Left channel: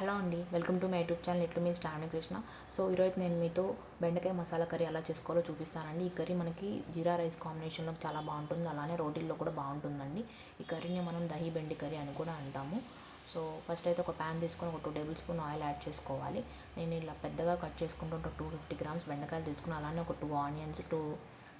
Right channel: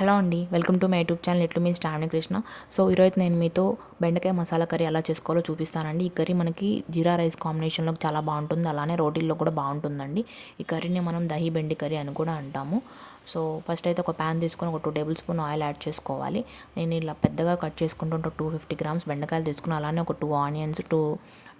Hello అండి, welcome to my YouTube channel. ఎట్లు మీ Shravani Krishna. So ఈరోజు నేను మీతో బెండకాయ మసాలా కర్రీ ఎలా చేసుకోవాలో చూపిస్తానండి. ఈ కర్రీ మనకి జీరా రైస్ కాంబినేషన్లో చాలా బాగుంటుంది, అలానే రోటీల్లో కూడా బాగుంటుందండి. ఈ కర్రీని మనం దహి బెండి కర్రీ అని కూడా అంటాము. సో ఫస్ట్ అయితే ఒక ప్యాన్ తీసుకొని ఒక 2 టేబుల్ స్పూన్ ఆయిల్ యాడ్ చేసుకోవాలి. నేను ఇలా పెద్దగా కట్ చేసుకుంటూ 250 గ్రామ్స్ బెండకాయలు తీసుకుని, అలానే ఒక 2 ఆనియన్స్, 2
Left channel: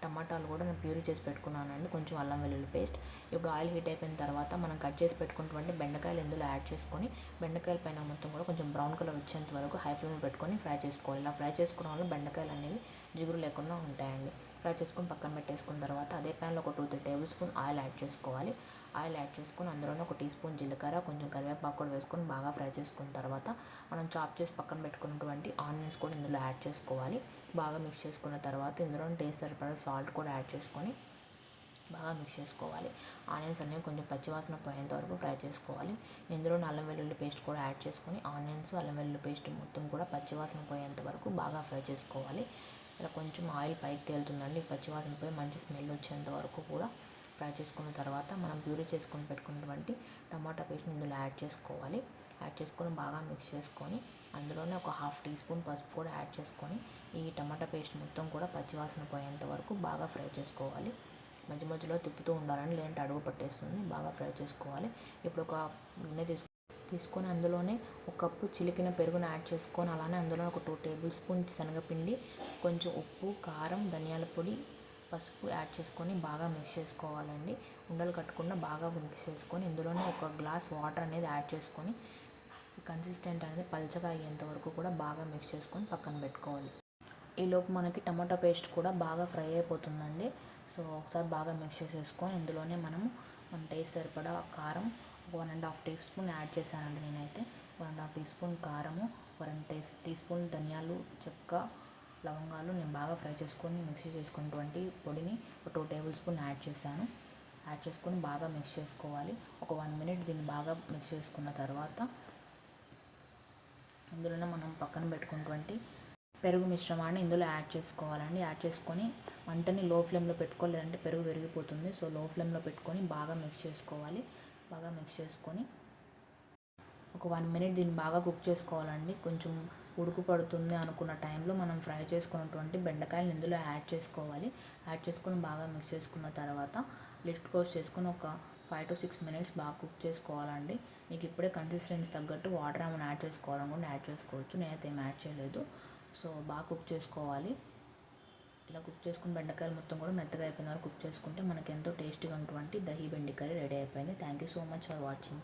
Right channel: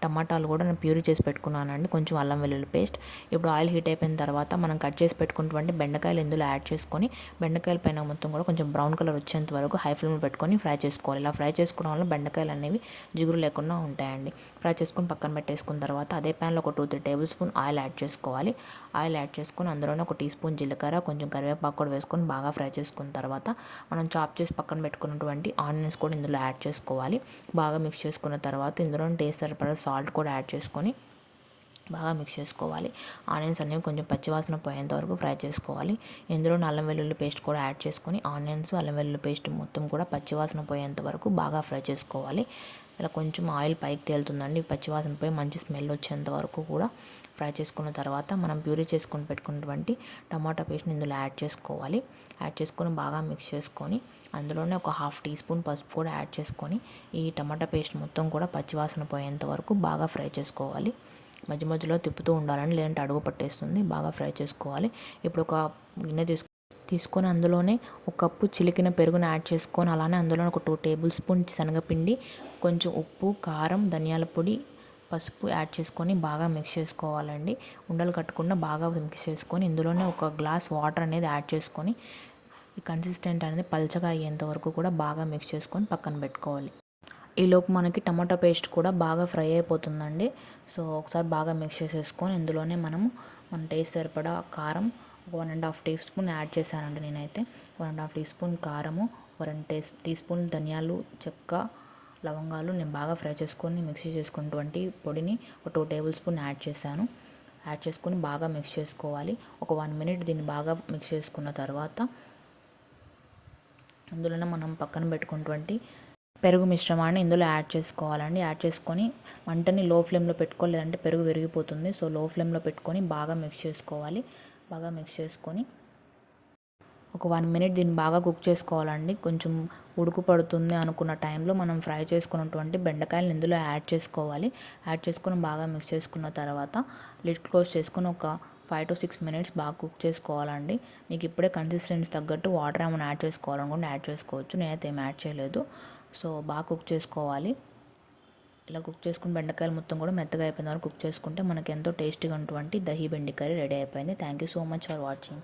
టమాటాలు కూడా నేను ప్యూరీ చేసి పెట్టుకున్నానండి, కొంచెం అల్లం వెల్లుల్లి పేస్ట్. ఇప్పుడు ఆయిల్ హీట్ అయిపోయిన తర్వాత మనం కట్ చేసి పెట్టుకున్నటువంటి బెండకాయలు ఇందులో యాడ్ చేసుకొని, బెండకాయల పైన మొత్తం కూడా కొంచెం బ్రౌన్ కలర్ వచ్చేంత వరకు హై ఫ్లేమ్లో పెట్టుకొని ఫ్రై చేసుకోవాలి. ఇలా ఫ్రై చేసుకోవడం వల్ల బెండకాయలు అనేవి జిగురు లేకుండా ఉంటాయండి. ఫ్రై చేసుకొని పక్కన పెట్టేసుకున్న తర్వాత అదే ప్యాన్లో ఒక 2-3 టేబుల్ స్పూన్ ఆయిల్ యాడ్ చేసుకోవాలి. ఆయిల్ యాడ్ చేసుకొని అందులోనే ఒక టీ స్పూన్ జీలకర్ర, కొంచెం కరివేపాకు కూడా వేసుకొని బాగా ఫ్రై చేసుకున్న తర్వాత మనం చాప్ చేసి పక్కన పెట్టుకున్నటువంటి ఆనియన్స్ కూడా ఇందులో యాడ్ చేసుకోవాలి. బాగా మిక్స్ చేసుకున్న తర్వాత ఇందులో టేస్ట్ సరిపడా సాల్ట్ కూడా యాడ్ చేసుకొని బాగా మిక్స్ చేసుకోవాలి. ఆనియన్స్ అనేవి కొంచెం పచ్చివాసన పోయేంత వరకు ఫ్రై చేసుకోవాలి. ఇందులో అల్లం వెల్లుల్లి పేస్ట్ కూడా యాడ్ చేసుకొని ఆనియన్స్, అల్లం వెల్లుల్లి పేస్ట్ మొత్తం కూడా పచ్చివాసన పోయేంత వరకు బాగా ఫ్రై చేసుకోవాలి. ఇలా కొంచెం ఆయిల్ పైకి తేలుతుందండి, పచ్చివాసన పోయి మంచి స్మెల్ వచ్చేంత వరకు కూడా ఫ్రై చేసుకున్న తర్వాత మనం ప్యూరీ చేసుకొని పెట్టుకున్నటువంటి టమాటా పేస్ట్ని ఇందులో యాడ్ చేసుకోవాలి. యాడ్ చేసుకొని బాగా మిక్స్ చేసుకొని అందులోనే ఒక 1/2 టీ స్పూన్ పసుపు కూడా యాడ్ చేసుకొని ఈ టమాటా పేస్ట్ మొత్తం కూడా పచ్చివాసన పోయేంత వరకు బాగా ఫ్రై చేసుకోవాలి. మధ్య మధ్యలో తిప్పుతూ ఉండాలని, లేదంటే అడుగు పట్టేస్తుంది. బాగా ఫ్రై చేసుకోవాలి. ఇప్పుడు ఒక గిన్నె తీసుకొని అందులోనే ఒక కప్పు చిలికిన పెరుగును యాడ్ చేసుకొని, అలానే అందులో ఒక 2 టేబుల్ స్పూన్ శనగపిండి, కొంచెం ఉప్పు, కారం, ధనియాల పొడి, పసుపు యాడ్ చేసుకొని బాగా మిక్స్ చేసుకోవాలండి. ఉండలు కట్టకుండా బాగా మిక్స్ చేసుకొని ఇందులోనే ఒక గ్లాస్ వాటర్ అనేది యాడ్ చేసుకొని ఈ కన్సిస్టెంట్ అనేది పల్చగా అయ్యేంత వరకు కూడా బాగా మిక్స్ చేసుకొని పక్కన పెట్టుకోవాలి. ఈలోపు మనకి టమాటో పేస్ట్ కూడా బాగా ఫ్రై అయిపోతుందండి. సో ఒకసారి బాగా మిక్స్ చేసేసుకొని ఇందులోనే మన టేస్ట్ సరిపడా కారం 1.5 టీ స్పూన్ యాడ్ చేశానండి నేనైతే. 1.5 టీ స్పూన్ కారము, 1 టీ స్పూన్ ధనియాలు, చెక్క, లవంగాలు నేను బాగా ఫ్రై చేసుకొని మిక్సీ చేసుకున్నటువంటి పొడిని ఒక 2 టేబుల్ స్పూన్ యాడ్ చేశాను. యాడ్ చేసుకొని బాగా మిక్స్ చేసుకోవాలి. ఒక 1 మినిట్ దీన్ని బాగా మిక్స్ చేసుకున్న తర్వాత ఇందులోనే మనం పక్కన పెట్టుకున్నటువంటి పెరుగు మిశ్రమాన్ని ఇందులో యాడ్ చేసుకోవాలండి. యాడ్ చేసుకొని మంటని లో ఫ్లేమ్లో పెట్టుకోవాలి, లేదంటే పెరుగు విరిగిపోతుంది. సో లో ఫ్లేమ్లో పెట్టుకొని బాగా మిక్స్ చేసుకోవాలి. బాగా మిక్స్ చేసుకొని ఒక 1 మినిట్ దీన్ని బాగా కుక్ చేసుకోవాలండి. కొంచెం ఉడుకు పడుతుంది అనుకున్న టైంలో మనం ఫ్రై చేసుకున్నటువంటి బెండకాయలను ఇందులో యాడ్ చేసుకోవాలి. యాడ్ చేసుకొని బాగా మిక్స్ చేసుకున్న తర్వాత లిడ్ క్లోజ్ చేసుకొని ఒక 5 to 6 మినిట్స్ బాగా కుక్ చేసుకోవాలండి. మీకు ఇప్పుడే కన్సిస్టెన్సీ తగ్గట్టు వాటర్ ఏమైనా యాడ్ చేసుకోవాలనుకుంటే యాడ్ చేసుకోవచ్చు. నేనైతే ఏం యాడ్ చేయలేదు. సో బాగా కుక్ చేసుకోవాలి. ఇలా కుక్ చేసుకుని బెండకాయలు మొత్తం కూడా మెత్తగా అయిపోయిన వరకు కుక్ చేసుకుంటే మనకి ఎంతో టేస్టీగా ఉన్నటువంటి దహి బెండి కర్రీ రెడీ అయిపోయింది. Thank you so much for watching.